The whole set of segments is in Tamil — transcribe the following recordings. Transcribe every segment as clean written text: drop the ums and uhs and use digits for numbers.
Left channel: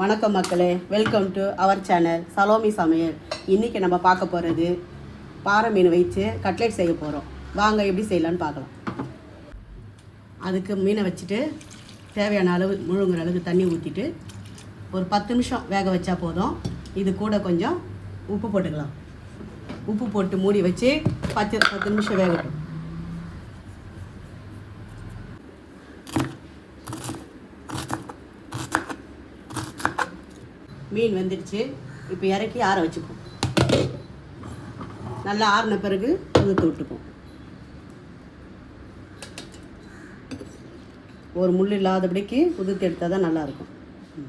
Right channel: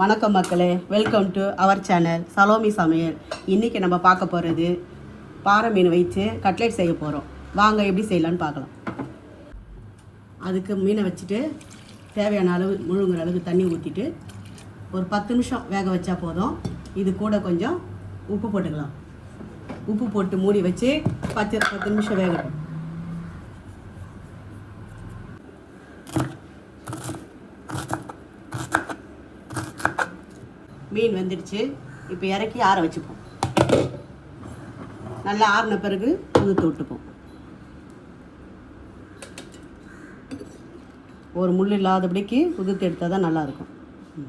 வணக்கம் மக்களே, welcome to our channel Salomi Samayal. இன்றைக்கி நம்ம பார்க்க போகிறது பாறை மீன் வச்சு கட்லெட் செய்ய போகிறோம். வாங்க எப்படி செய்யலான்னு பார்க்கலாம். அதுக்கு மீனை வச்சுட்டு தேவையான அளவு முழுங்குற அளவுக்கு தண்ணி ஊற்றிட்டு ஒரு 10 நிமிஷம் வேக வச்சா போதும். இது கூட கொஞ்சம் உப்பு போட்டுக்கலாம். உப்பு போட்டு மூடி வச்சு 10 நிமிஷம் வேகட்டும். மீன் வெந்துடுச்சு. இப்போ இறக்கி ஆற வச்சுப்போம். நல்லா ஆறின பிறகு உதுத்து விட்டுப்போம். ஒரு முள் இல்லாதபடிக்கு உதுத்து எடுத்தால் தான் நல்லாயிருக்கும்.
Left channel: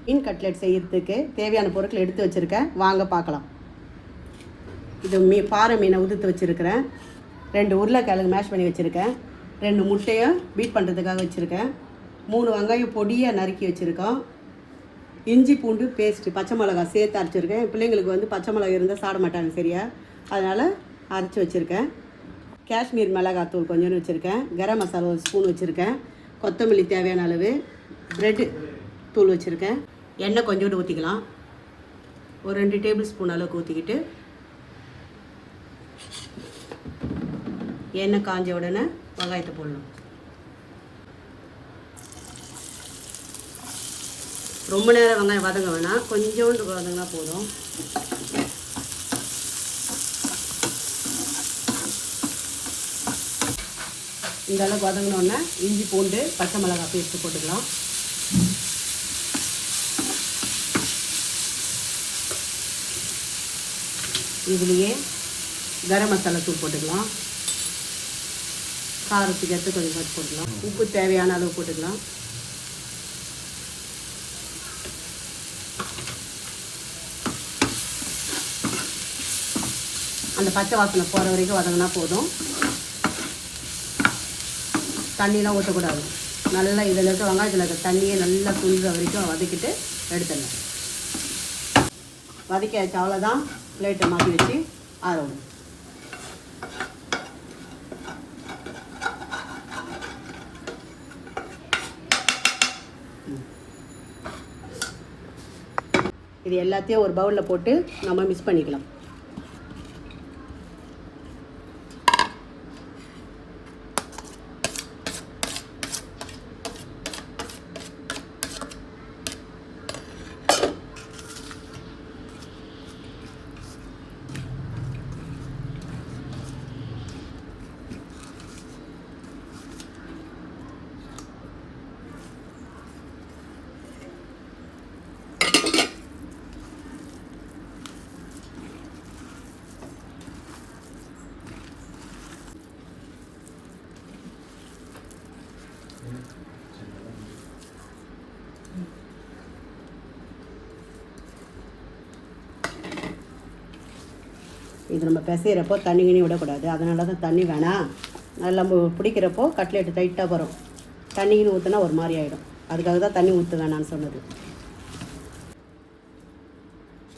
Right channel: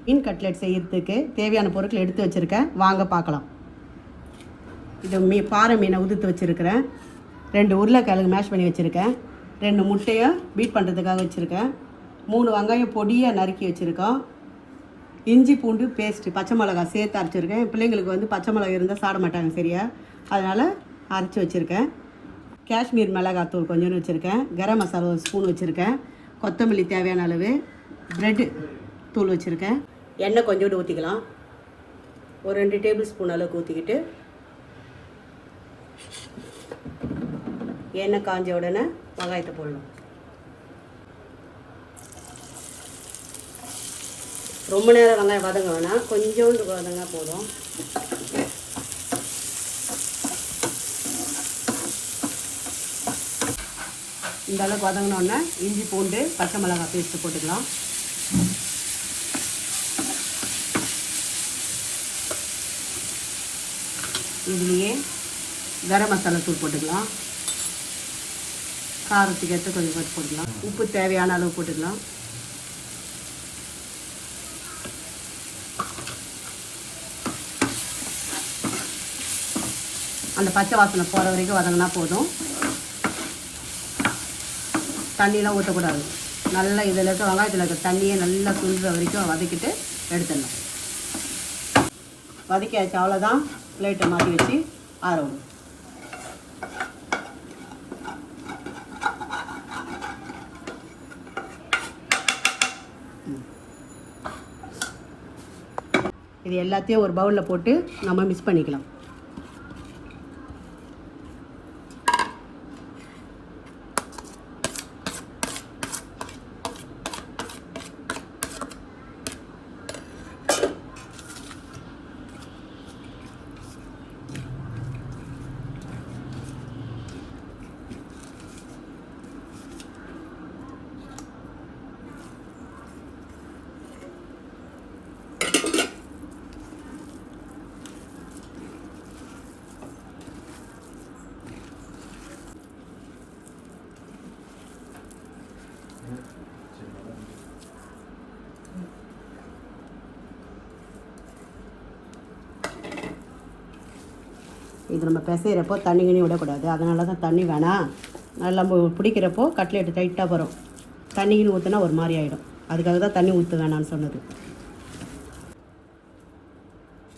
மீன் கட்லெட் செய்யறதுக்கு தேவையான பொருட்கள் எடுத்து வச்சுருக்கேன். வாங்க பார்க்கலாம். இது பாறை மீனை உதுத்து வச்சுருக்கிறேன். 2 உருளைக்கிழங்கு மேஷ் பண்ணி வச்சுருக்கேன். 2 முட்டையை பீட் பண்ணுறதுக்காக வச்சுருக்கேன். 3 வெங்காயம் பொடியாக நறுக்கி வச்சுருக்கோம். இஞ்சி பூண்டு பேஸ்ட்டு, பச்சை மிளகாய் சேர்த்து அரைச்சிருக்கேன். பிள்ளைங்களுக்கு வந்து பச்சை மிளகாய் இருந்தால் சாப்பிட மாட்டாங்க சரியா, அதனால் அரைச்சி வச்சுருக்கேன். காஷ்மீர் மிளகாய் தூள் கொஞ்சம் வச்சுருக்கேன். கரம் மசாலா 1 ஸ்பூன் வச்சுருக்கேன். கொத்தமல்லி தேவையான அளவு, பிரெட் தூள் வச்சுருக்கேன். எண்ணெய் கொஞ்சோண்டு ஊற்றிக்கலாம். ஒரு 2 டேபிள் ஸ்பூன் அளவுக்கு ஊற்றிக்கிட்டு எண்ணெய் காஞ்ச உடனே வெங்காயத்தை போடலாம். ரொம்ப நேரம் வெங்காயம் வதங்க வேணாம், கொஞ்சோண்டு வதங்கினா போதும். இந்த அளவுக்கு வதங்கினோடனே இஞ்சி பூண்டு பச்சை மிளகாய் பேஸ்ட்டு போட்டுக்கலாம். இதுலேயே கரம் மசாலா தூள் போட்டுக்கலாம். காரத்துக்கு எடுத்து கொஞ்சம் போட்டுக்கலாம். உப்பு தேவையான அளவு போட்டுக்கலாம். அந்த பச்சை வாசனை போகிற வரைக்கும் வதங்கினா போதும். தண்ணியெலாம் ஊற்றக்கூடாது. நல்லா இதில் இருக்க வெங்காயத்தில் இருக்க தண்ணியை நல்லா சுண்டுற வரைக்கும் வதக்கிட்டு எடுத்துடணும். வதக்கி வச்ச அவ்வளோதான். பிளேட்டை மாற்றி வச்சு ஆரம்பிடும். இது எல்லாத்தையும் ஒரு பவுலில் போட்டு நம்ம மிக்ஸ் பண்ணிக்கலாம். இது நம்ம பிசைகிறப்போ தண்ணி கிணி விடக்கூடாது. அதனால தான் தண்ணி வேணாம். நல்லா பிடிக்கிறப்போ கட்லெட்டு டைட்டாக வரும். தண்ணி கிணி ஊற்றினா ஒரு மாதிரி ஆகிடும். அதுக்காக தான் தண்ணி ஊற்ற வேணான்னு சொன்னது.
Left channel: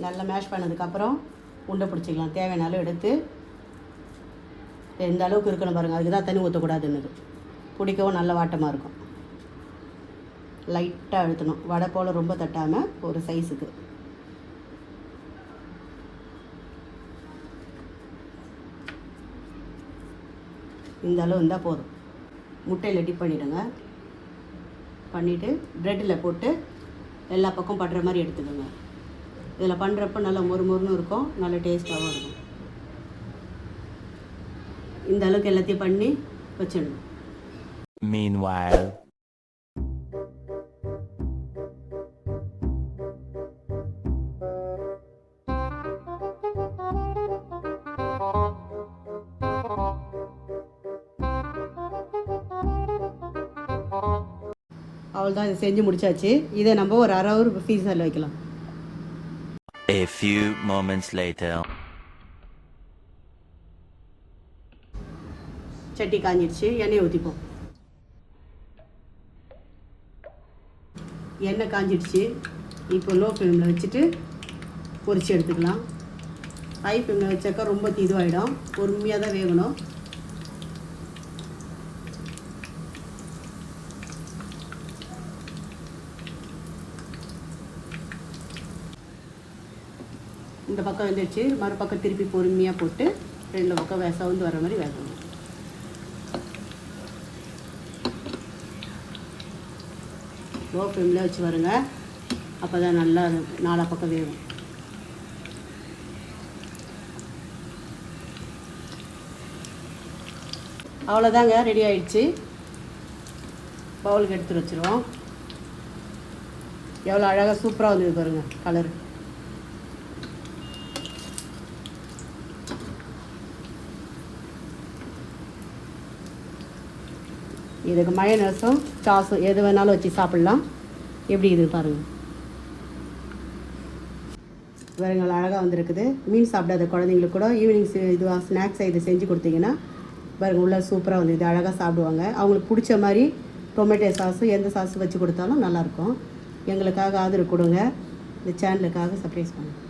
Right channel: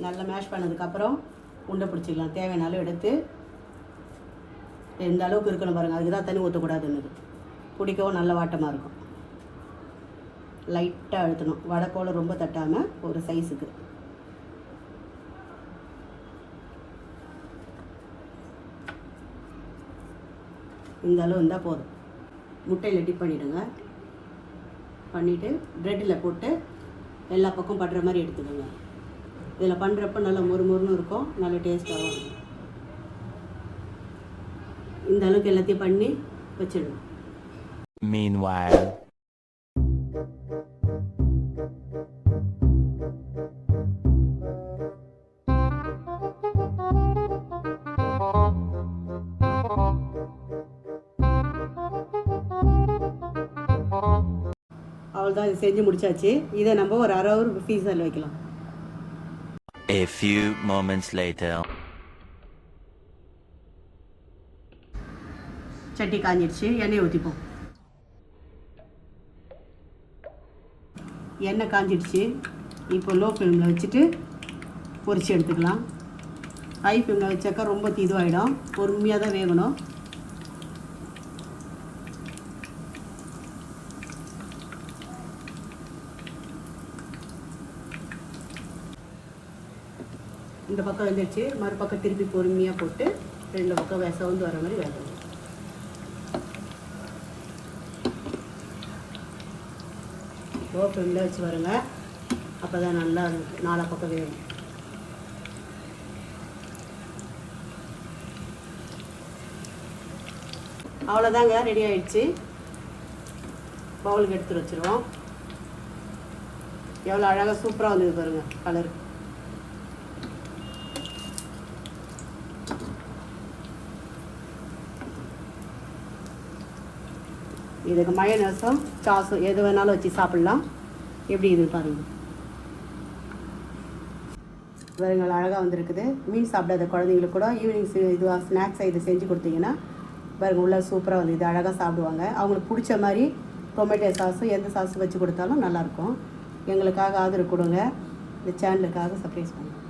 நல்லா மேஷ் பண்ணதுக்கப்புறம் உண்டை பிடிச்சிக்கலாம். தேவையான அளவு எடுத்து இந்த அளவுக்கு இருக்கணும் பாருங்கள். அதுக்கு தான் தண்ணி ஊற்றக்கூடாதுன்னுது. பிடிக்கவும் நல்ல வாட்டமாக இருக்கும். லைட்டாக அழுத்தணும். வடை போல் ரொம்ப தட்டாமல் ஒரு சைஸுக்கு. இந்த அளவு இருந்தால் போதும். முட்டையில் டிப் பண்ணிவிடுங்க. பண்ணிவிட்டு ப்ரெட்டில் போட்டு எல்லா பக்கம் படுற மாதிரி எடுத்துக்கோங்க. இதில் பண்ணுறப்ப நல்லா மொறுமொறுன்னு இருக்கும். நல்ல டேஸ்ட்டாகவும் இருக்கும். இந்த அளவுக்கு எல்லாத்தையும் பண்ணி வச்சிடணும். Meanwhile, அவ்வளோதான். இது செஞ்சு முடிச்சாச்சு. இதை நம்ம ஒரு அரை ஹவர் ஃப்ரீசரில் வைக்கலாம். a few moments later. சட்டி காஞ்சிடுச்சு. எண்ணெய் ஊற்றிப்போம். எண்ணெய் காஞ்சிடுச்சு. இப்போ லோ ஃப்ளேமில் வச்சுட்டு பொரிச்சு எடுத்துக்கலாம். ஹை ஃப்ளேமில் வச்சாக்கா ரொம்ப இதுவாகிடும். பொறுமையாக தான் வேகணும். இந்த பக்கம் வந்துடுச்சு, மறுபக்கம் திருப்பி பொறுமையாக போட்டு 2 பக்கம் சவுந்து வர மாதிரி வேகணும். லோ ஃப்ளேமில் வச்சு வருங்க, அப்போ தான் நல்லா 4 பக்கம் வேகும். அவ்வளோதாங்க, ரெடி ஆயிடுச்சு. பவுலுக்கு எடுத்து வச்சுருவோம். எவ்வளோ அழகாக சூப்பராக வந்தது பாருங்க கலர். இதுக்கு மயோனஸும் சாஸும் எது வேணாலும் வச்சு சாப்பிட்லாம். எப்படி இது பாருங்கள், பாருங்கள் அழகாக வந்திருக்குது. மீன் சாப்பிடாத குழந்தைங்களுக்கு கூட ஈவினிங் இதுவாக ஸ்நாக்ஸை இது செஞ்சு கொடுத்தீங்கன்னா பாருங்கள் உள்ளே சூப்பராக வந்து இது அழகாக சாப்பிடுவாங்க. அவங்களுக்கு பிடிச்ச மாதிரி டொமேட்டோ சாஸும் எந்த சாஸும் வச்சு கொடுத்தாலும் நல்லாயிருக்கும். எங்களுக்காக ஆதரவு கொடுங்க, இந்த சேனலுக்காக சப்ஸ்கிரைப் பண்ணுங்கள்.